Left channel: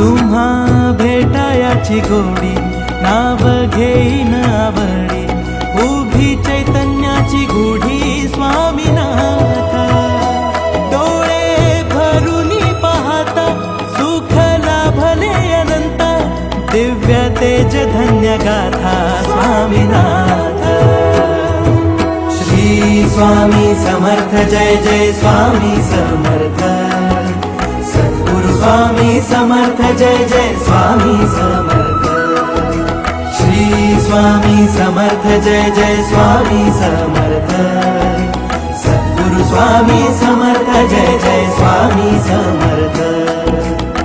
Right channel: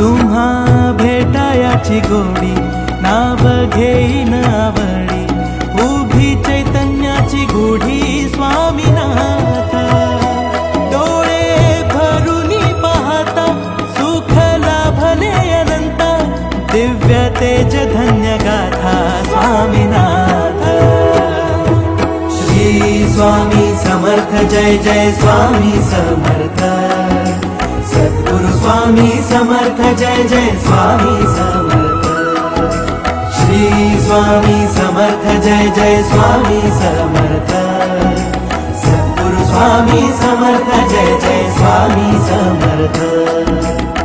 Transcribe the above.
तुम्हा भेटायाची गोडी नाव घेईन आवडी उभी चैतन्याची गुढी स्वामीनाथ डोळे भरूनी पाहता सुख लाभले अनंत दिव्य तेज धन्य गाथा स्वामीनाथ श्री स्वामी समर्थ जय जय स्वामी समर्थ सद्गुरु स्वामी समर्थ जय जय स्वामी समर्थ श्री स्वामी समर्थ जय जय स्वामी समर्थ सद्गुरु स्वामी समर्थ जय जय स्वामी समर्थ।